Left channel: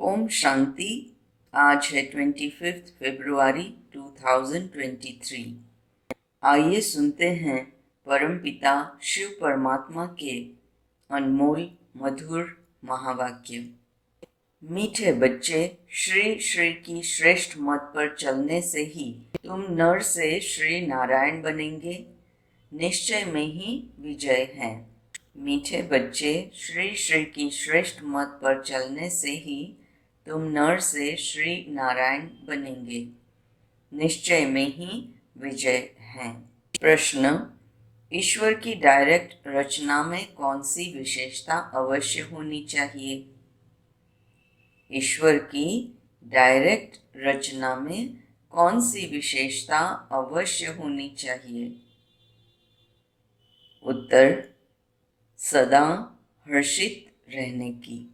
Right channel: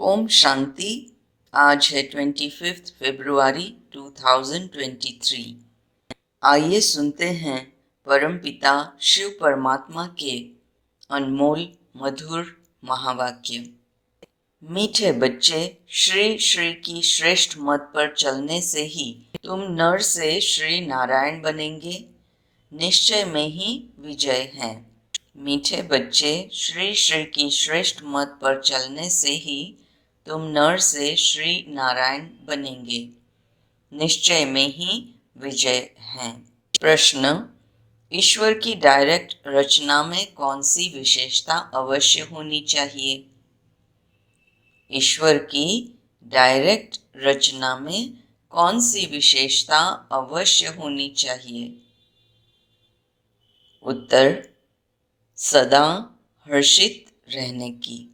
ओम शांति। आज है 25 फरवरी 2023। आइए सुनते हैं परमपिता शिव परमात्मा के अनमोल मधुर महावाक्य। मीठे बच्चे, श्री श्री की श्रेष्ठ मत पर चलने से ही तुम नर से श्री नारायण बनेंगे। निश्चय में ही विजय है। मीठे बच्चे, श्री श्री की श्रेष्ठ मत पर चलने से ही तुम नर से श्री नारायण बनेंगे। निश्चय में ही विजय है। प्रश्न: ईश्वर की डायरेक्ट रचना में कौन सी विशेषता अवश्य होनी चाहिए? ईश्वर की डायरेक्ट रचना में कौन सी विशेषता अवश्य होनी चाहिए? उत्तर: सदा हर्षित रहने की।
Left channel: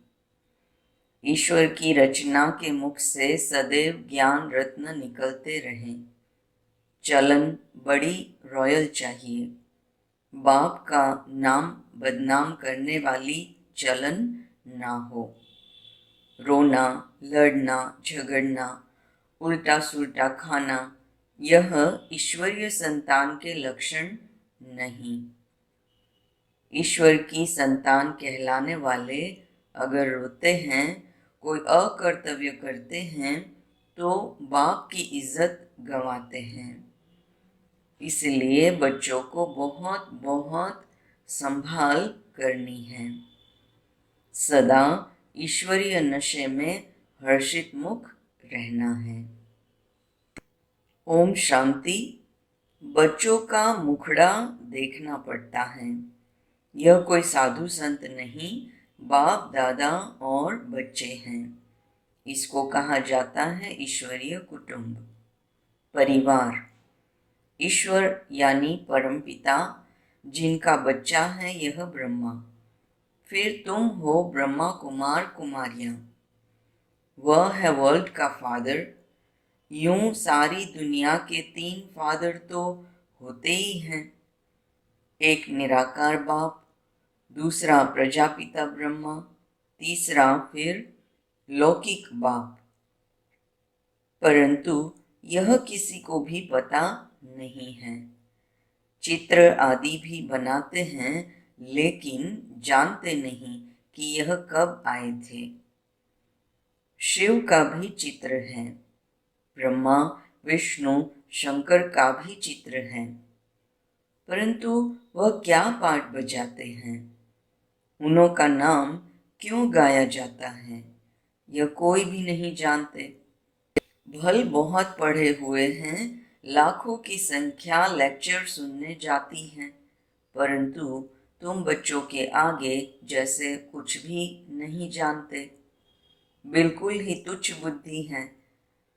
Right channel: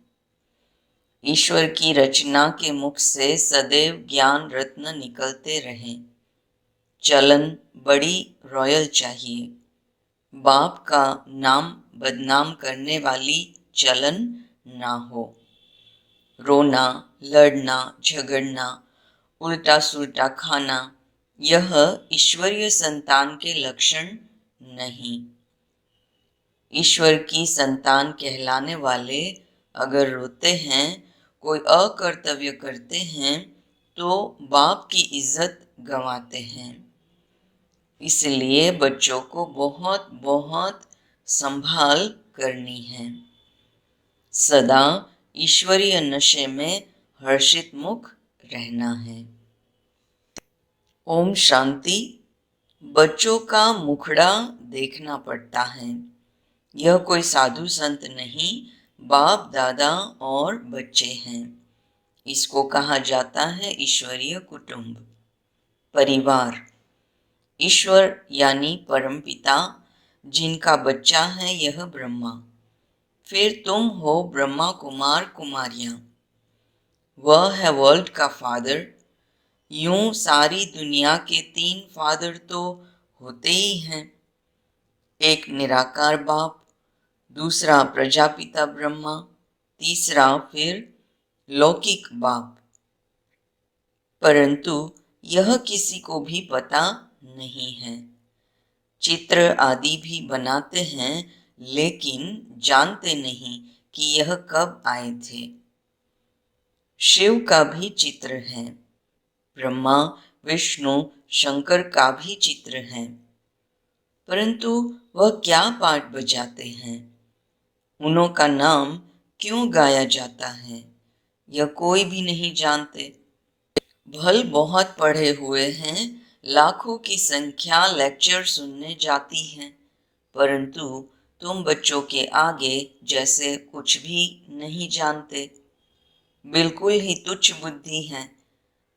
ईश्वर की रचना के मुख से सदैव ज्ञान रत्न निकलते रहें। चलन बड़ी रॉयल चाहिए। बाप का नाम बदनाम करने वाली चलन ना हो। रोना, लड़ना, झगड़ना, उल्टा सुल्टा खाना, यह ईश्वरीय संतान के लक्षण नहीं। ईश्वर की संतान कहलाने वाले अगर रोते हैं, कोई अकर्तव्य करते हैं, तो बाप की इज्जत गंवाते हैं। इसलिए बच्चों को बहुत बहुत संभाल करनी है। सदा ईश्वरीय नशे में हर्षित मुख रहना है। ओम शांति। बच्चों का मुखड़ा देखना पड़ता है। यह कोई साधु संत नहीं, बाप दादा और बच्चे हैं। इसको कहा जाता है ईश्वरीय कुटुंब, परिवार। ईश्वर यानी परमपिता, जिनका बच्चा है यह ब्रह्मा। फिर तुम हो ब्रह्मा कुमार कुमारियां। वह है वर्ल्ड का फादर। यूं सारी दुनिया के 3 फादर तो होते ही हैं। एक निराकार बाप, दूसरा प्रजापिता ब्रह्मा, तीसरा फिर लौकिक बाप। परंतु यह किसी को भी पता नहीं है। चित्र आदि भी बनाते हैं, लेकिन जानते नहीं कि यह कब आए थे। शिव का भी चित्र है। ब्रह्मा, विष्णु, शंकर का भी चित्र है। परंतु वह क्या पाठ बजाते हैं, उन्हों का नाम क्यों गाया जाता है, यह कोई भी नहीं जानते। भल बहुत पढ़े हुए हैं, लाखों की संख्या लेक्चर सुनने जाती है, परंतु तुम बच्चों के आगे जैसे कुछ भी नहीं जानते। बिल्कुल ही तुच्छ बुद्धि है।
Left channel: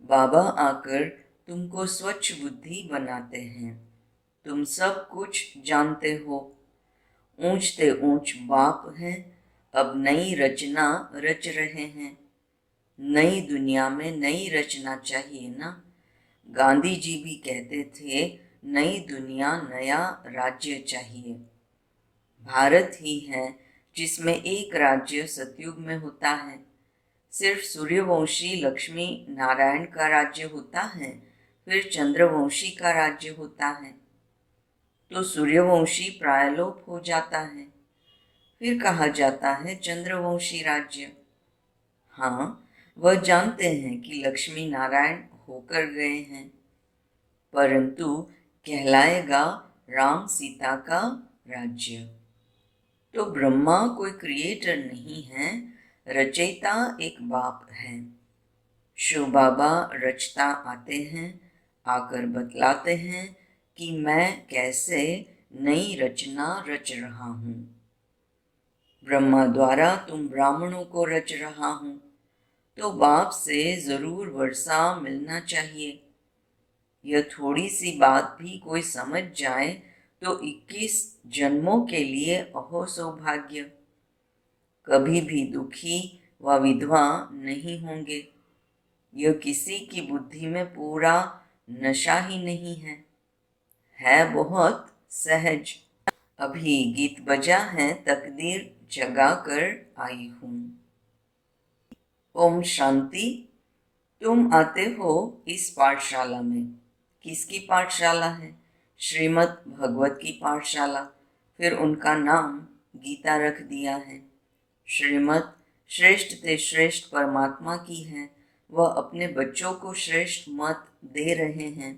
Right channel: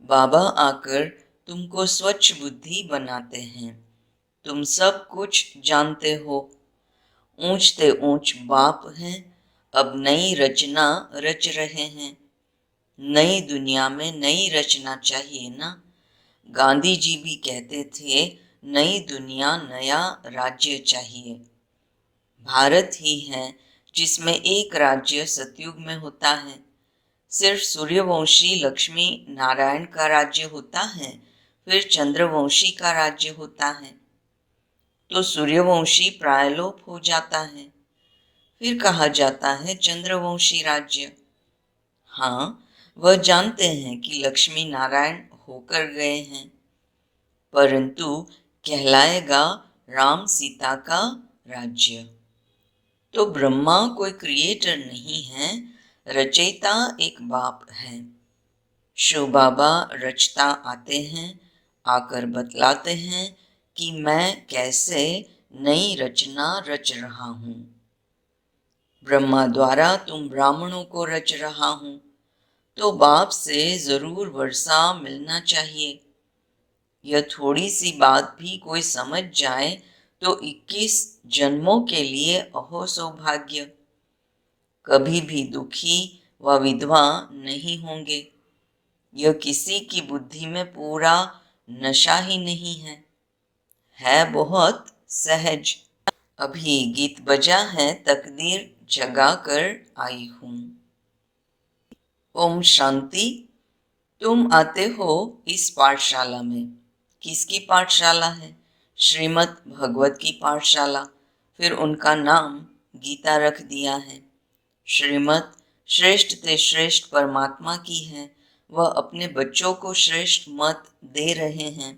बाबा आकर तुमको स्वच्छ बुद्धि बनाते हैं। तुम सब कुछ जानते हो। ऊंचते ऊंच बाप हैं। अब नई रचना रच रहे हैं। नई दुनिया में नई रचना चाहिए ना। गांधी जी भी कहते थे, नई दुनिया नया राज्य चाहिए। भारत ही है जिसमें एक राज्य सतयुग में होता है। सिर्फ सूर्यवंशी लक्ष्मी नारायण का राज्य होता है, फिर चंद्रवंशी का राज्य होता है, तो सूर्यवंशी प्रायलोप हो जाता है। फिर कहा जाता है चंद्रवंशी राज्य। हाँ, वह जानते हैं कि लक्ष्मी नारायण होकर गए हैं, परंतु कहलाएगा राम सीता का राज्य। तो ब्रह्मा कोई क्रिएटर नहीं है, रचयिता एक बाप है। शिव बाबा रचता आते हैं, आकर बतलाते हैं कि मैं कैसे नई रचना रच रहा हूँ। ब्रह्मा द्वारा तुम ब्राह्मणों को रच रहा हूँ, तो बाप से जरूर वर्षा मिलना चाहिए। यह थोड़ी सी बात भी कोई समझ जाए तो 21 जन्मों के लिए अहो सौभाग्य। कभी भी दुखी व विधवा नहीं होंगे। यह किसी की बुद्धि में पूरा नशा ही नहीं है बहुत सहज। अभी गीत बजा है, तकदीर जगा कर आई हूँ। ओम शांति। तुम आते हो इस पाठशाला में। किसकी पाठशाला है? श्रीमद् भगवत की पाठशाला। फिर उनका नाम गीता रख दिया है। श्रीमद् श्रेष्ठ ते श्रेष्ठ परमात्मा की है। वह अपने बच्चों को श्रेष्ठ मत दे रहे हैं।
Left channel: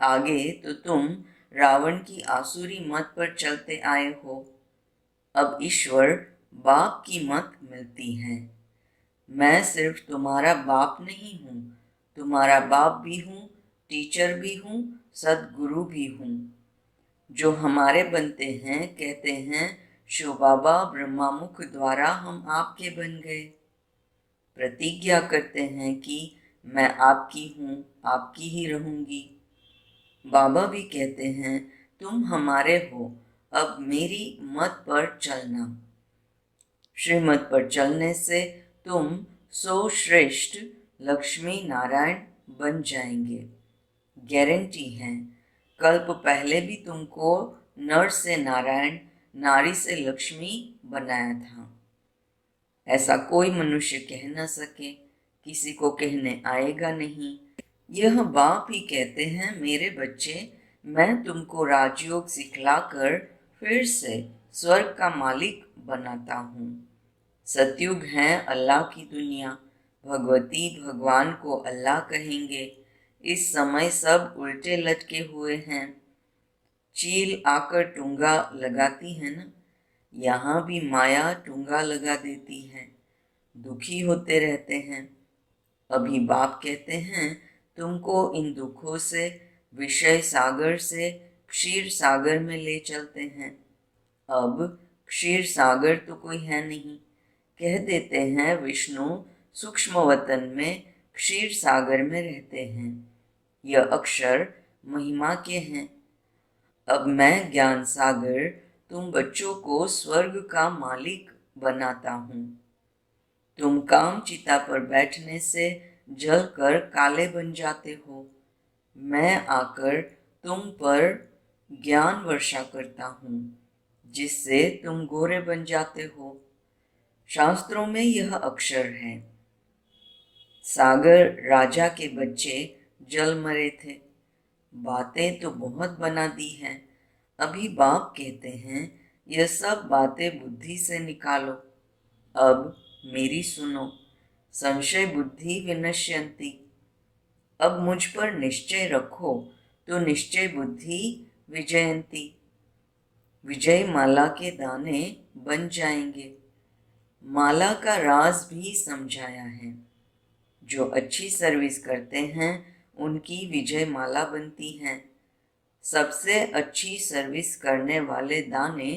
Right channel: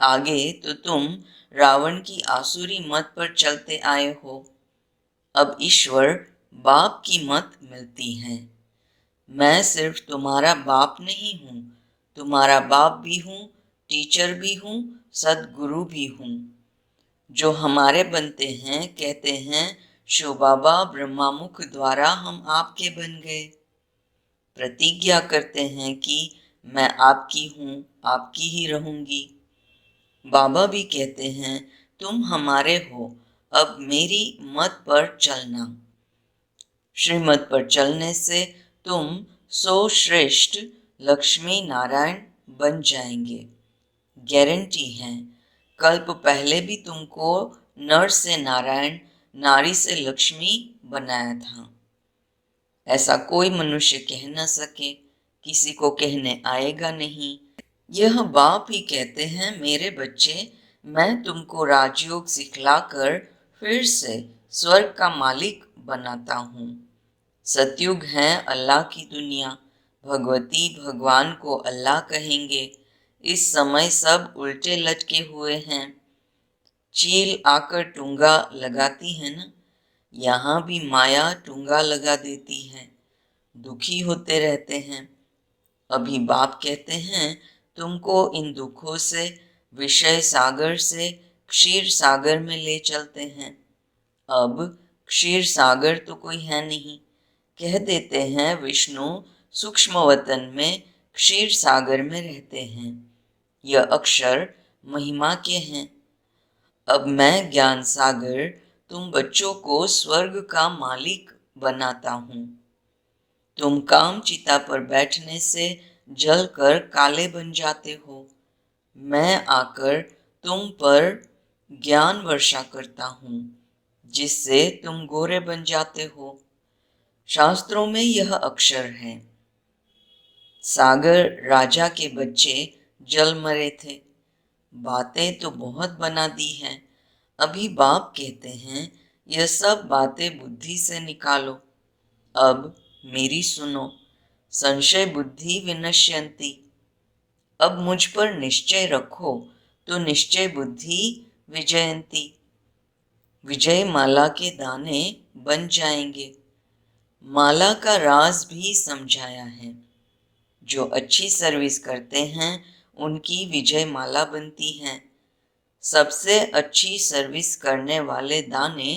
आगे तो तुम रावण की आसुरी मत पर चलते आए हो। अब ईश्वर बाप की मत मिलती है। मैं सिर्फ तुम्हारा बाप नहीं हूँ, तुम्हारा बाप भी हूँ, टीचर भी हूँ, सदगुरु भी हूँ। जो हमारे बनते हैं कहते हैं शिव बाबा ब्रह्मामुख द्वारा हम आपके बन गए। प्रतिज्ञा करते हैं कि मैं आपकी हूँ, आपकी ही रहूंगी। बाबा भी कहते हैं तुम हमारे हो, अब मेरी मत पर चलना। श्रीमत पर चलने से तुम सो श्रेष्ठ लक्ष्मी नारायण बन जाएंगे। गारंटी है। कल्प पहले भी तुमको नर से नारायण, नारी से लक्ष्मी बनाया था। ऐसा कोई मनुष्य कह न सके, किसी को कहने आएगा नहीं। यह बाप ही कहते हैं मेरे बच्चे, मैं तुमको राजयोग सिखलाकर फिर से स्वर्ग का मालिक बनाता हूँ। सतयुग है अल्लाह की दुनिया। भगवती भगवान को अल्लाह कहेंगे। इस समय सब उल्टे लटके हुए हैं। चील आकर टूंगा लगाती है ना, यहाँ भी माया टूंगा लगा देती है। दुखी होते रहते हैं। अभी बाप कहते हैं तुमको इन दुखों से, विषय सागर से क्षीर सागर में ले चलते हैं। अब क्षीर सागर तो कोई है नहीं। कह देते हैं विष्णु सूक्ष्म वतन में क्षीर सागर में रहते हैं। यह अक्षर महिमा के हैं। अब मैं ज्ञान सागर तुम बच्चों को स्वर्ग का मालिक बनाता हूँ। तुम काम चिता पर बैठने से जलकर काले बन जाते हो। मैं आकर तुम पर ज्ञान वर्षा करता हूँ, जिससे तुम गोरे बन जाते हो। शास्त्रों में यह अक्षर है। सागर राजा के बच्चे जल मरे थे। बातें तो बहुत बना दी हैं। अभी बाप कहते हैं यह सब बातें बुद्धि से निकालो। अब मेरी सुनो। संशय बुद्धि विनश्यन्ति। अब मुझ पर निश्चय रखो तो निश्चय बुद्धि विजयंती। विजय माला के दाने बन जाएंगे। माला का राज भी समझाया है। जो अच्छी सर्विस करते हैं उनकी विजय माला बनती है। सबसे अच्छी सर्विस करने वाले दाने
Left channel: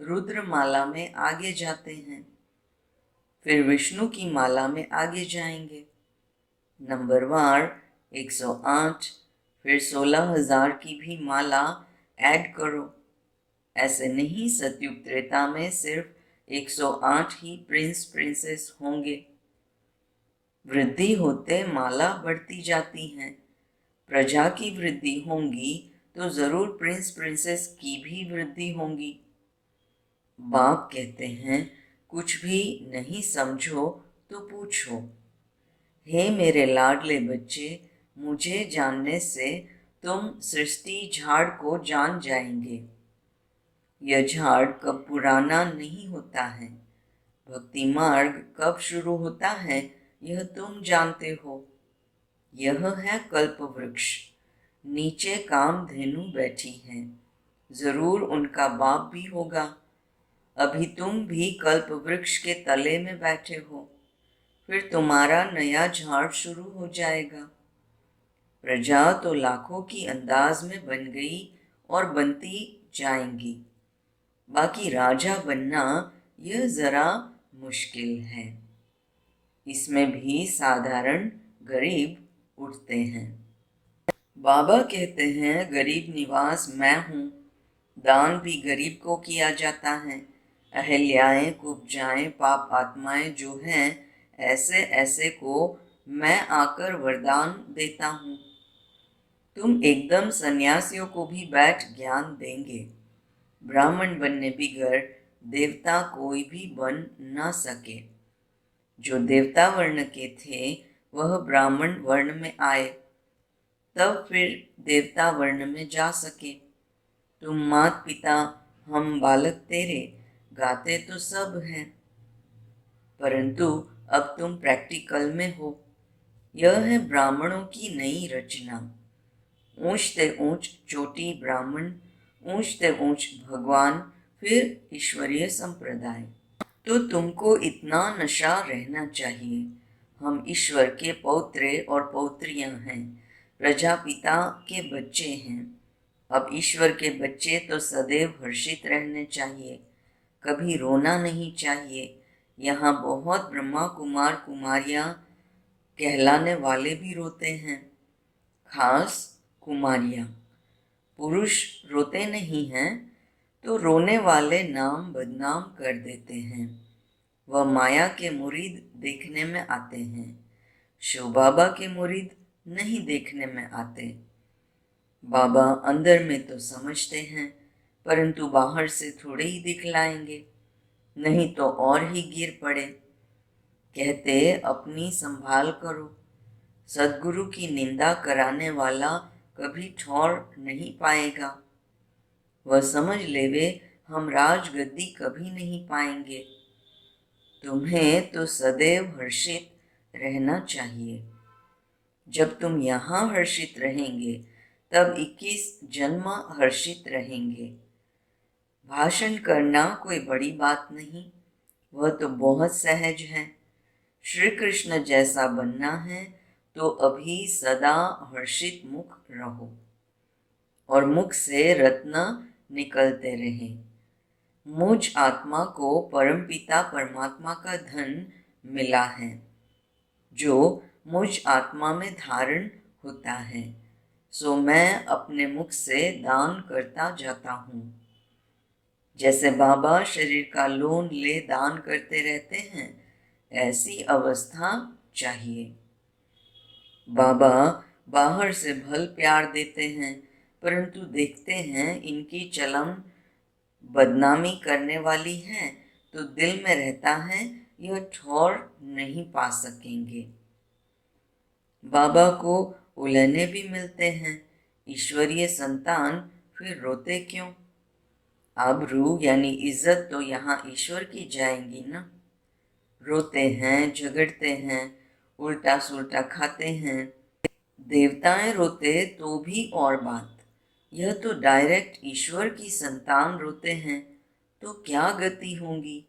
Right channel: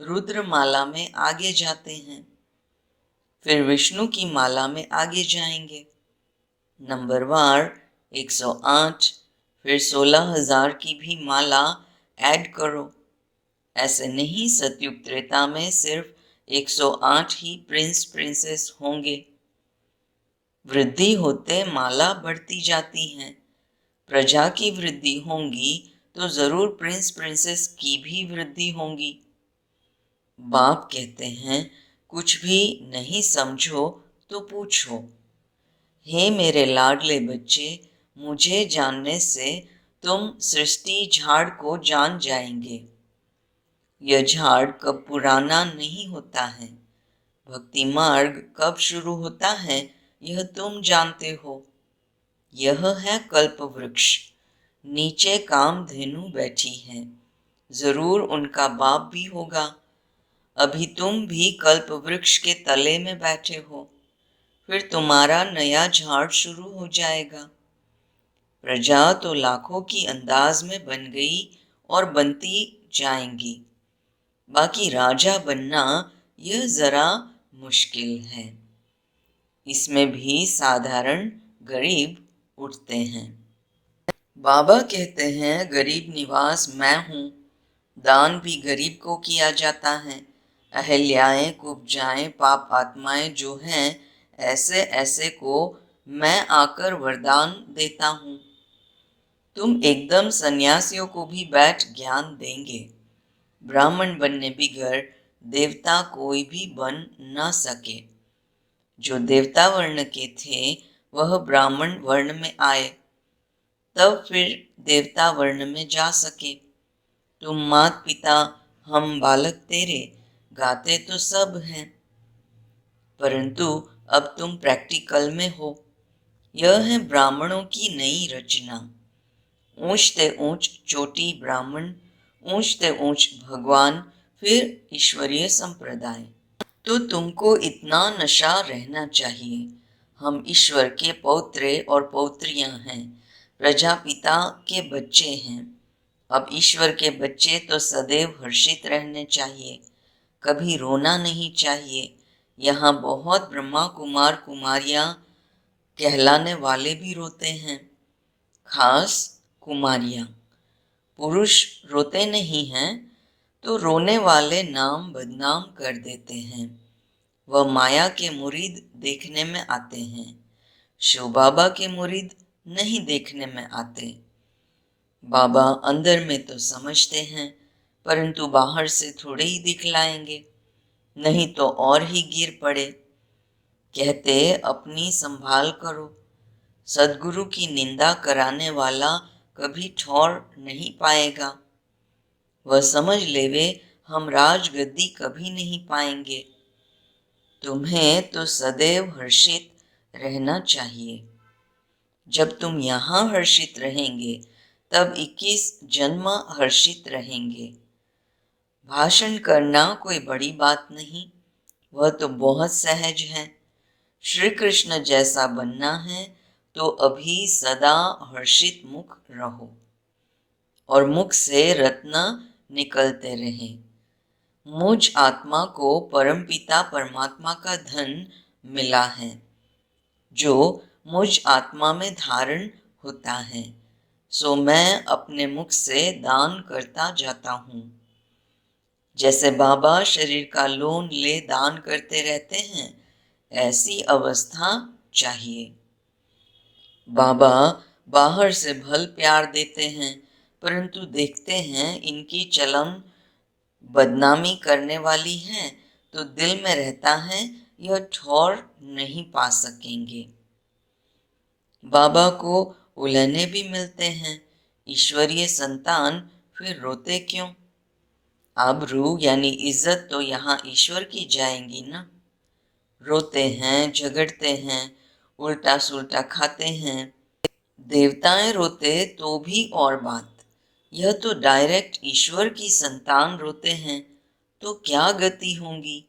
रुद्र माला में आगे जाते हैं, फिर विष्णु की माला में आगे जाएंगे। नंबरवार 108, फिर 16,000 की भी माला ऐड करो। ऐसे नहीं सतयुग त्रेता में सिर्फ 108 ही प्रिंस प्रिंसेस होंगे। वृद्धि होते माला बढ़ती जाती है। प्रजा की वृद्धि होगी तो जरूर प्रिंस प्रिंसेस की भी वृद्धि होगी। बाप कहते हैं कुछ भी नहीं समझो तो पूछो। हे मेरे लाडले बच्चे, मुझे जानने से तुम सृष्टि झाड़ को जान जाएंगे। यह झाड़ कब पुराना नहीं होता है। भक्ति मार्ग कब शुरू होता है यह तुम जानते हो। यह है कल्प वृक्ष। नीचे कामधेनु बैठी है। जरूर उनका बाप भी होगा। अभी तुम भी कल्प वृक्ष के तले में बैठे हो। फिर तुम्हारा नया झाड़ शुरू हो जाएगा। प्रजा तो लाखों की अंदाज में बन गई और बनती जाएंगी। बाकी राजा बनना यह जरा मुश्किल है। इसमें भी साधारण गरीब उठते हैं। बाबा कहते हैं गरीब निवास मैं हूँ। दान भी गरीब को किया जाता है। अहल्याएं, कुब्जाएं, पाप आत्माएं जो हैं ऐसे ऐसे को मैं आकर वरदान देता हूँ। तुम एकदम सन्यासियों को भी बैठ ज्ञान देंगे। ब्राह्मण बनने बिगड़ देवता कोई भी बन न सके। जो देवता वर्ण के थे वह ब्राह्मण वर्ण में आए, तब फिर देवता वर्ण में जा सके। तुम मात पिता हम बालक तेरे गाते तो सब हैं, परंतु अब तुम प्रैक्टिकल में हो। यह है ब्राह्मणों की नई रचना। ऊंचते ऊंच चोटी ब्राह्मण, ऊंचते ऊंच भगवान, फिर ईश्वरीय संप्रदाय। तो तुमको इतना नशा रहना चाहिए। हम ईश्वर के पौत्रे और पौत्रियां हैं, प्रजापिता के बच्चे हैं। अब ईश्वर के बच्चे तो सदैव हर्षित रहने चाहिए, कभी रोना नहीं चाहिए। यहाँ बहुत ब्रह्मा कुमार कुमारियां कहलाने वाले भी रोते हैं, खास कुमारियां। पुरुष रोते नहीं हैं, तो रोने वाले नाम बदनाम कर देते हैं। वह माया के मुरीद देखने में आते हैं, शिव बाबा के मुरीद नहीं देखने में आते। बाबा अंदर में तो समझते हैं, परंतु बाहर से थोड़े ही दिखलाएंगे, नहीं तो और ही गिर पड़े। कहते अपनी संभाल करो। सदगुरु की निंदा कराने वाला कभी ठौर नहीं पाएगा। वह समझ लेवे हम राजगद्दी कभी नहीं पाएंगे। तुम्हें तो सदैव हर्षित रहना चाहिए। जब तुम यहाँ हर्षित रहेंगे तब 21 जन्म हर्षित रहेंगे। भाषण करना कोई बड़ी बात नहीं, वह तो बहुत सहज है। श्री कृष्ण जैसा बनना है तो अभी सदा हर्षित मुख रहो और मुख से रत्न निकलते रहे। मुझ आत्मा को परमपिता परमात्मा का धन मिला है, जो मुझ आत्मा में धारण होता है, सो मैं अपने मुख से दान करता जाता हूँ। जैसे बाबा शरीर का लोन ले दान करते रहते हैं, ऐसी अवस्था चाहिए। बाबा बाहर से भल प्यार देते हैं, परंतु देखते हैं इनकी चलम बदनामी करने वाली है, तो दिल में रहता है यह ठौर नहीं पा सकेंगे। बाबा को उलहने भी मिलते हैं, ईश्वरीय संतान फिर रोते क्यों? आबरू यानी इज्जत तो यहाँ ईश्वर की जाएंगी ना। रोते हैं, झगड़ते हैं, उल्टा सुल्टा खाते हैं। देवताएं रोते तो भी और बात, यह तो डायरेक्ट ईश्वर की संतान रोते हैं, तो क्या गति होगी।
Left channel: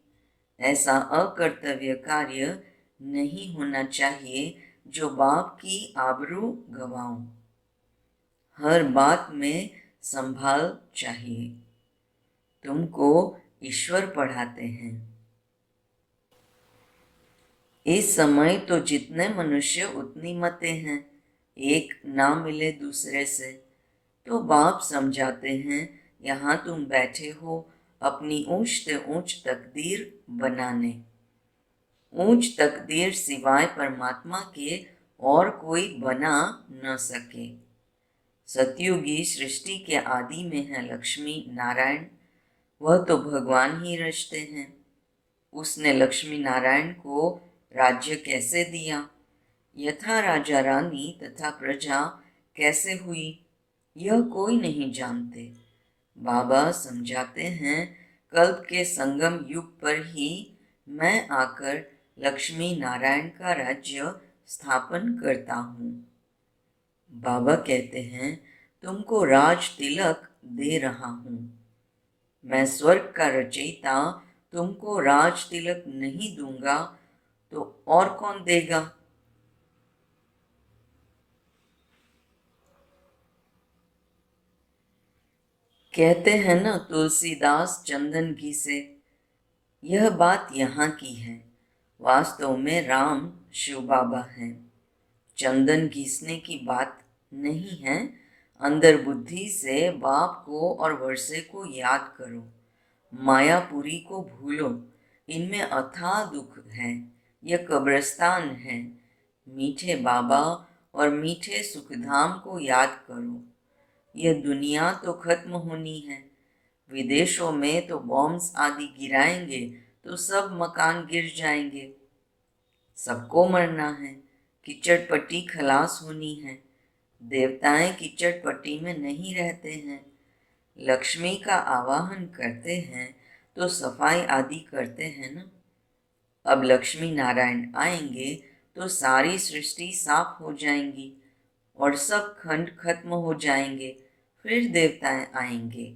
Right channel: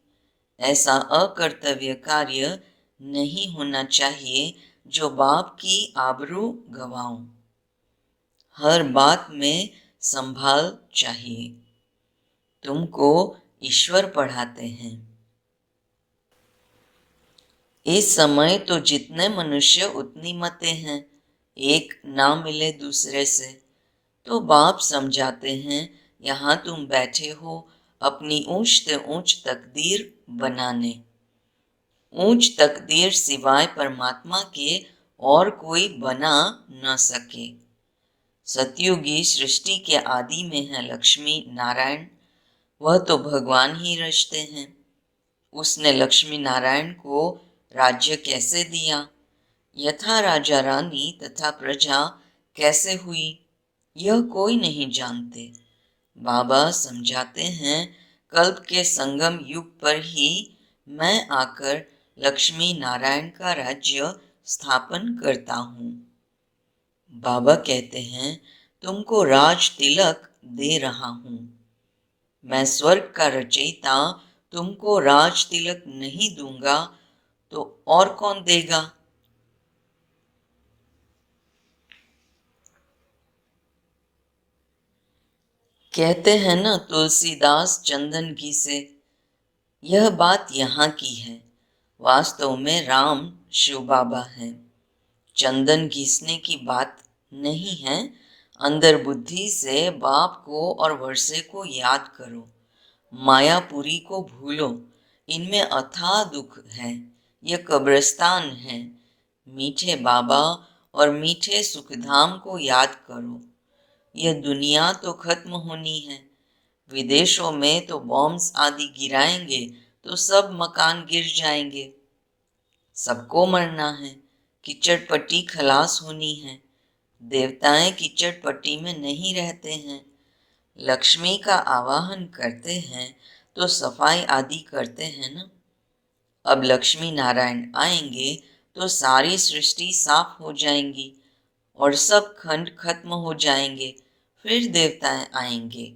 ऐसा अकर्तव्य कार्य नहीं होना चाहिए जो बाप की आबरू गवाऊं। हर बात में संभाल चाहिए। तुमको ईश्वर पढ़ाते हैं। इस समय तो जितने मनुष्य उतनी मतें हैं, एक ना मिले दूसरे से। तो बाप समझाते हैं यहाँ तुम बैठे हो अपनी ऊंच से ऊंच तकदीर बनाने। ऊंच तकदीर सिवाय परमात्मा के और कोई बना न सके। सतयुगी सृष्टि के आदि में है लक्ष्मी नारायण, वह तो भगवान ही रचते हैं। उसने लक्ष्मी नारायण को राज्य कैसे दिया, यथा राजा रानी तथा प्रजा कैसे हुई, यह कोई नहीं जानते। बाबा समझाते हैं कल्प के संगम युग पर ही मैं आकर लक्ष्मी नारायण का राज्य स्थापन करता हूँ। बाबा कहते हैं तुमको राज तिलक दे रहा हूँ। मैं स्वर्ग का रचयिता तुमको राज तिलक नहीं दूंगा तो और कौन देगा। कहते हैं ना तुलसीदास चंदन घी से, यह बात यहाँ की है। वास्तव में राम शिव बाबा हैं। चंदन घिसने की बात नहीं है। अंदर बुद्धि से बाप को और वर्षे को याद करो, मायापुरी को भूलो। इनमें अथाह दुख है, यह कब्रिस्तान है। मीठे बाबा और मीठे सुखधाम को याद करो। यह दुनिया तो खत्म होनी है। विदेशों में तो बॉम्ब्स आदि गिराएंगे तो सब मकान गिर जाएंगे। सबको मरना है, कीचड़ पट्टी खलास होनी है। देवताएं कीचड़ पट्टी में नहीं रहते हैं। लक्ष्मी का आवाहन करते हैं तो सफाई आदि करते हैं ना। अब लक्ष्मी नारायण आएंगे तो सारी सृष्टि साफ हो जाएंगी और सब खंड खत्म हो जाएंगे। फिर देवताएं आएंगे,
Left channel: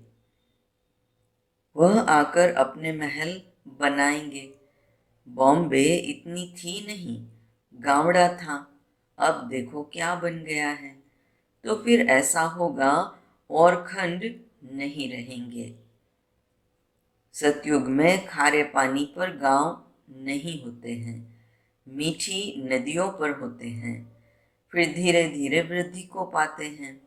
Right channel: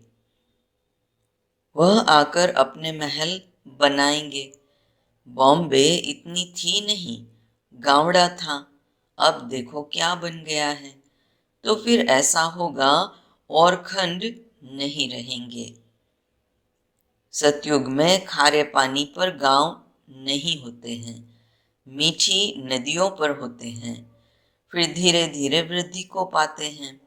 वह आकर अपने महल बनाएंगे। बॉम्बे इतनी थी नहीं, गावड़ा था, अब देखो क्या बन गया है। तो फिर ऐसा होगा और खंड नहीं रहेंगे। सतयुग में खारे पानी पर गांव नहीं होते हैं, मीठी नदियों पर होते हैं। फिर धीरे धीरे वृद्धि को पाते हैं।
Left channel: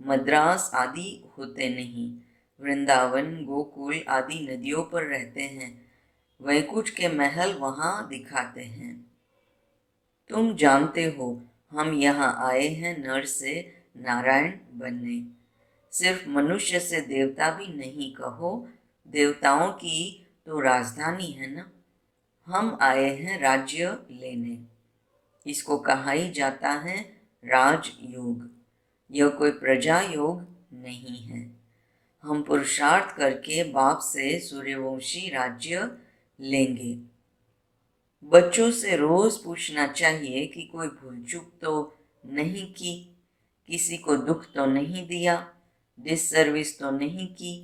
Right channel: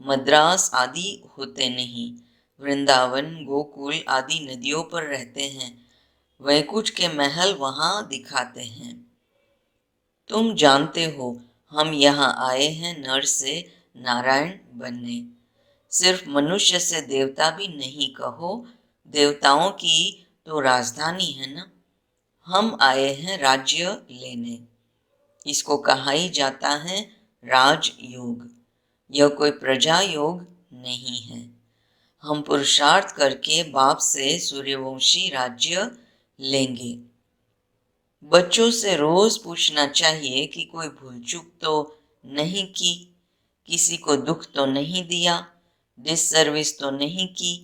मद्रास आदि होते नहीं, वृंदावन गोकुल आदि नदियों पर रहते हैं। वैकुंठ के महल वहां दिखाते हैं। तुम जानते हो हम यहाँ आए हैं नर से नारायण बनने। सिर्फ मनुष्य से देवता भी नहीं कहो, देवताओं की तो राजधानी है ना। हम आए हैं राज्य लेने। इसको कहा ही जाता है राजयोग। यह कोई प्रजा योग नहीं है। हम पुरुषार्थ करके बाप से सूर्यवंशी राज्य लेंगे। बच्चों से रोज पूछना चाहिए कि कोई भूल चूक तो नहीं की, किसी को दुख तो नहीं दिया, डिस सर्विस तो नहीं की,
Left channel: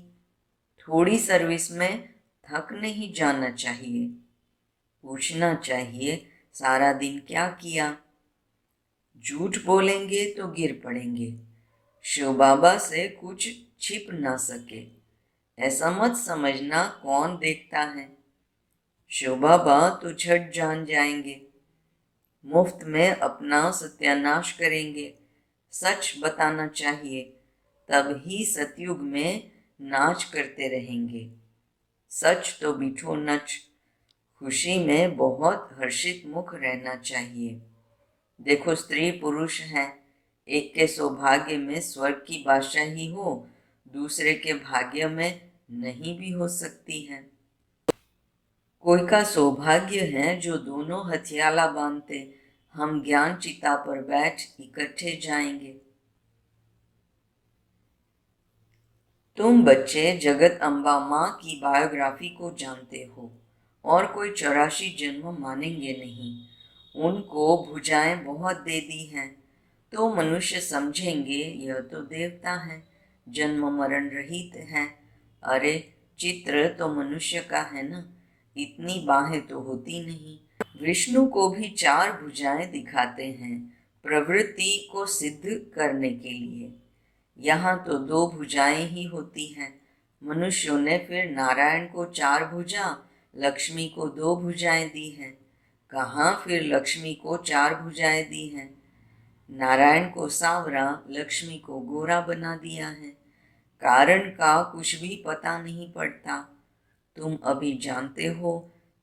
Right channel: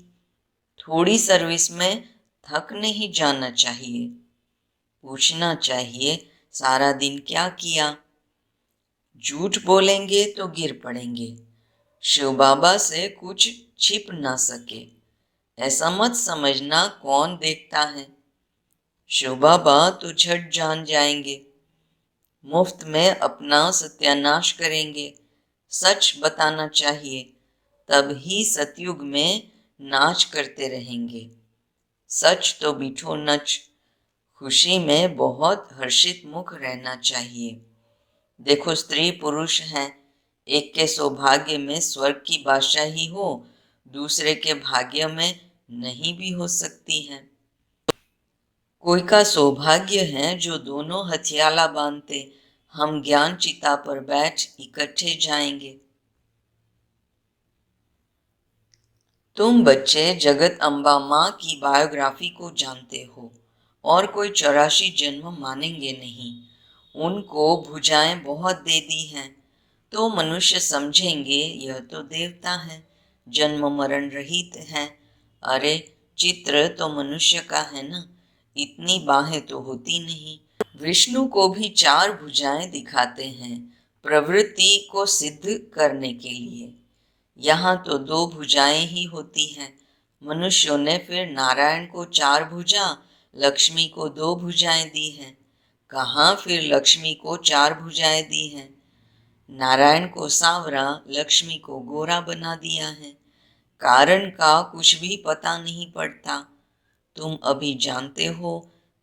थोड़ी सर्विस में थक नहीं जाना चाहिए। पूछना चाहिए सारा दिन क्या किया। झूठ बोलेंगे तो गिर पड़ेंगे। शिव बाबा से कुछ छिप ना सके, ऐसा मत समझना कौन देखता है। शिव बाबा तो झट जान जाएंगे, मुफ्त में अपना सत्यानाश करेंगे। सच बताना चाहिए, तब ही सतयुग में नाच करते रहेंगे। सच तो बिठो नच। खुशी में बहुत हर्षित मुख रहना चाहिए। देखो स्त्री पुरुष हैं, एक के सौभाग्य में स्वर्ग की बादशाही हो, दूसरे के भाग्य में नहीं भी हो सकती है। कोई का सौभाग्य है जो दोनों हथियाला बांधते हम ज्ञान चिता पर बैठ इकट्ठे जाएंगे। तुम बच्चे जगत अम्बा माँ की बायोग्राफी को जानते हो और कोई 84 जन्म मानेंगे नहीं। उनको भुजाएं बहुत दे दी हैं तो मनुष्य समझेंगे यह तो देवता है, जन्म मरण रहित है। अरे चित्र तो मनुष्य का है ना, इतनी बाहें तो होती नहीं। विष्णु को भी 4 भुजाएं दिखाते हैं प्रवृत्ति को सिद्ध करने के लिए। यहाँ तो 2 भुजाएं ही होती हैं। मनुष्यों ने फिर नारायण को 4 भुजा, लक्ष्मी को 2 भुजाएं दी हैं। कहाँ फिर लक्ष्मी को 4 भुजाएं दी हैं। नारायण को सांवरा, लक्ष्मी को गोरा बना दिया है। कारण का कुछ भी पता नहीं पड़ता। तुम अभी जानते हो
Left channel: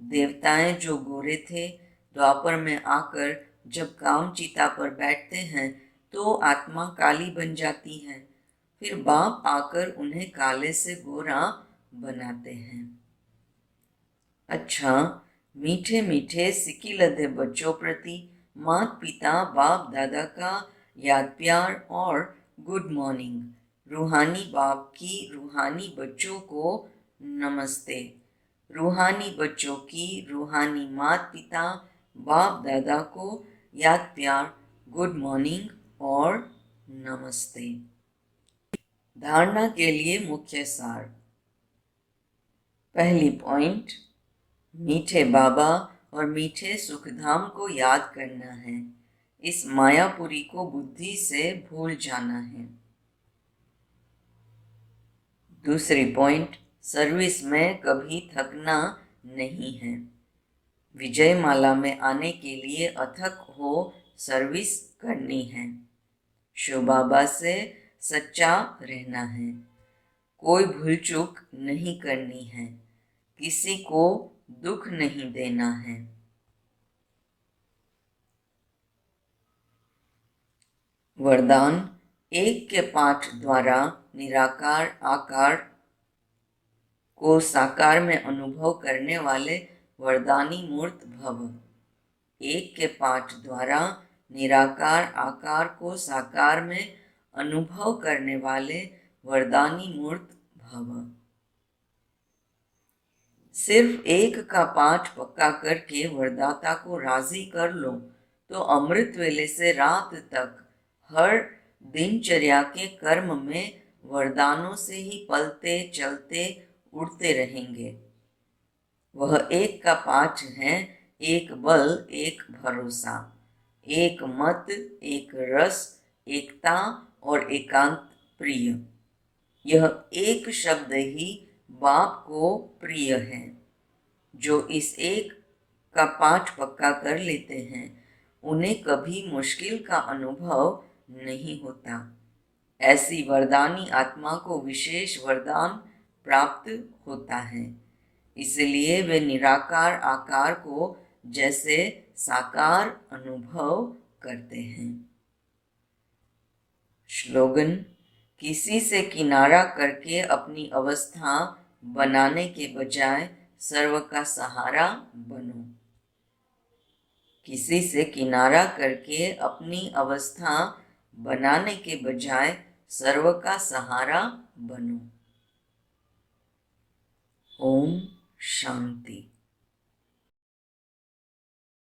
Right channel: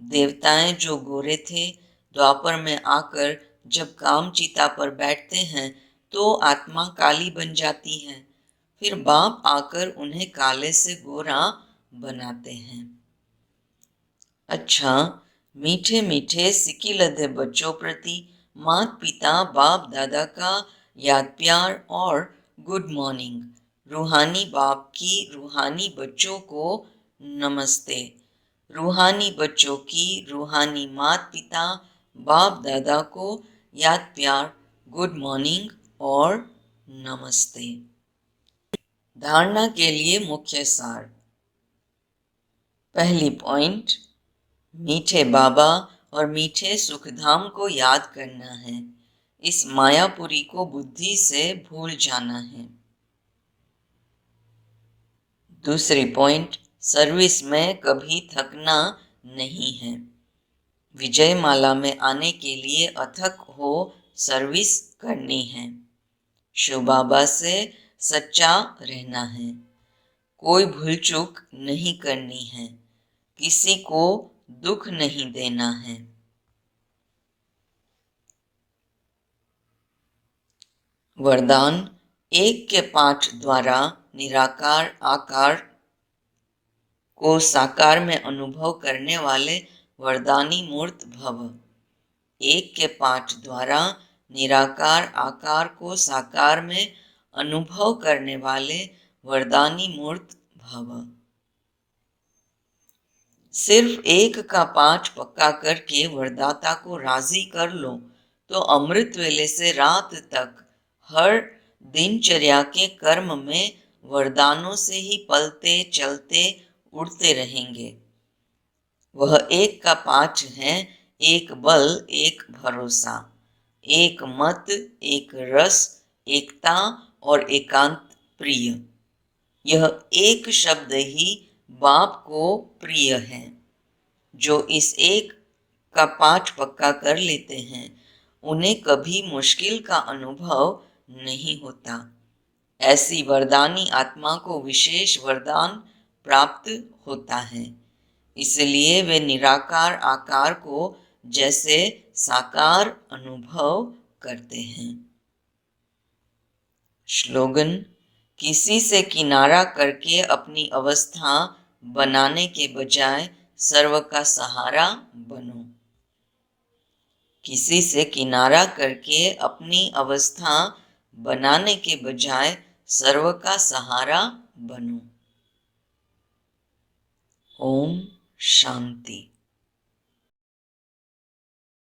देवताएं जो गोरे थे, द्वापर में आकर जब काम चिता पर बैठते हैं तो आत्मा काली बन जाती है। फिर बाप आकर उन्हें काले से गोरा बनाते हैं। अच्छा, मीठे मीठे सिक्की लदे बच्चों प्रति माता पिता बाप दादा का याद प्यार और गुड मॉर्निंग। रूहानी बाप की रूहानी बच्चों को नमस्ते। रूहानी बच्चों की रूहानी माता पिता बाप दादा को याद प्यार, गुड मॉर्निंग और नमस्ते। धारणा के लिए मुख्य सार। पहली पॉइंट, मीठे बाबा और मीठे सुखधाम को याद करना है। इस मायापुरी को बुद्धि से भूल जाना है। दूसरी पॉइंट, सर्विस में कभी थकना नहीं है। विजय माला में आने के लिए अथक हो सर्विस करनी है। शिव बाबा से सच्चा रहना है। कोई भूल चूक नहीं करनी है। किसी को दुख नहीं देना है। वरदान 1 के पाठ द्वारा निराकार आकार को साकार में अनुभव करने वाले वरदानी मूर्त भव। एक के पाठ द्वारा निराकार आकार को साकार में अनुभव करने वाले वरदानी मूर्त भव। सिर्फ एक का पाठ पक्का करके वरदाता को राजी कर लो तो अमृत वेले से रात तक हर दिनचर्या के कर्म में वरदानों से ही पलते चलते उड़ते रहेंगे। वह एक का पाठ है, एक बल एक भरोसा, एक मत एक रस, एकता और एकांत प्रिय। यह एक शब्द ही बाप को प्रिय है। जो इस एक का पाठ पक्का कर लेते हैं उन्हें कभी मुश्किल का अनुभव नहीं होता। ऐसी वरदानी आत्मा को विशेष वरदान प्राप्त होता है, इसलिए वे निराकार आकार को जैसे साकार अनुभव करते हैं। श्लोगन: किसी से किनारा करके अपनी अवस्था बनाने के बजाय सर्व का सहारा बनो। किसी से किनारा करके अपनी अवस्था बनाने के बजाय सर्व का सहारा बनो। ओम शांति।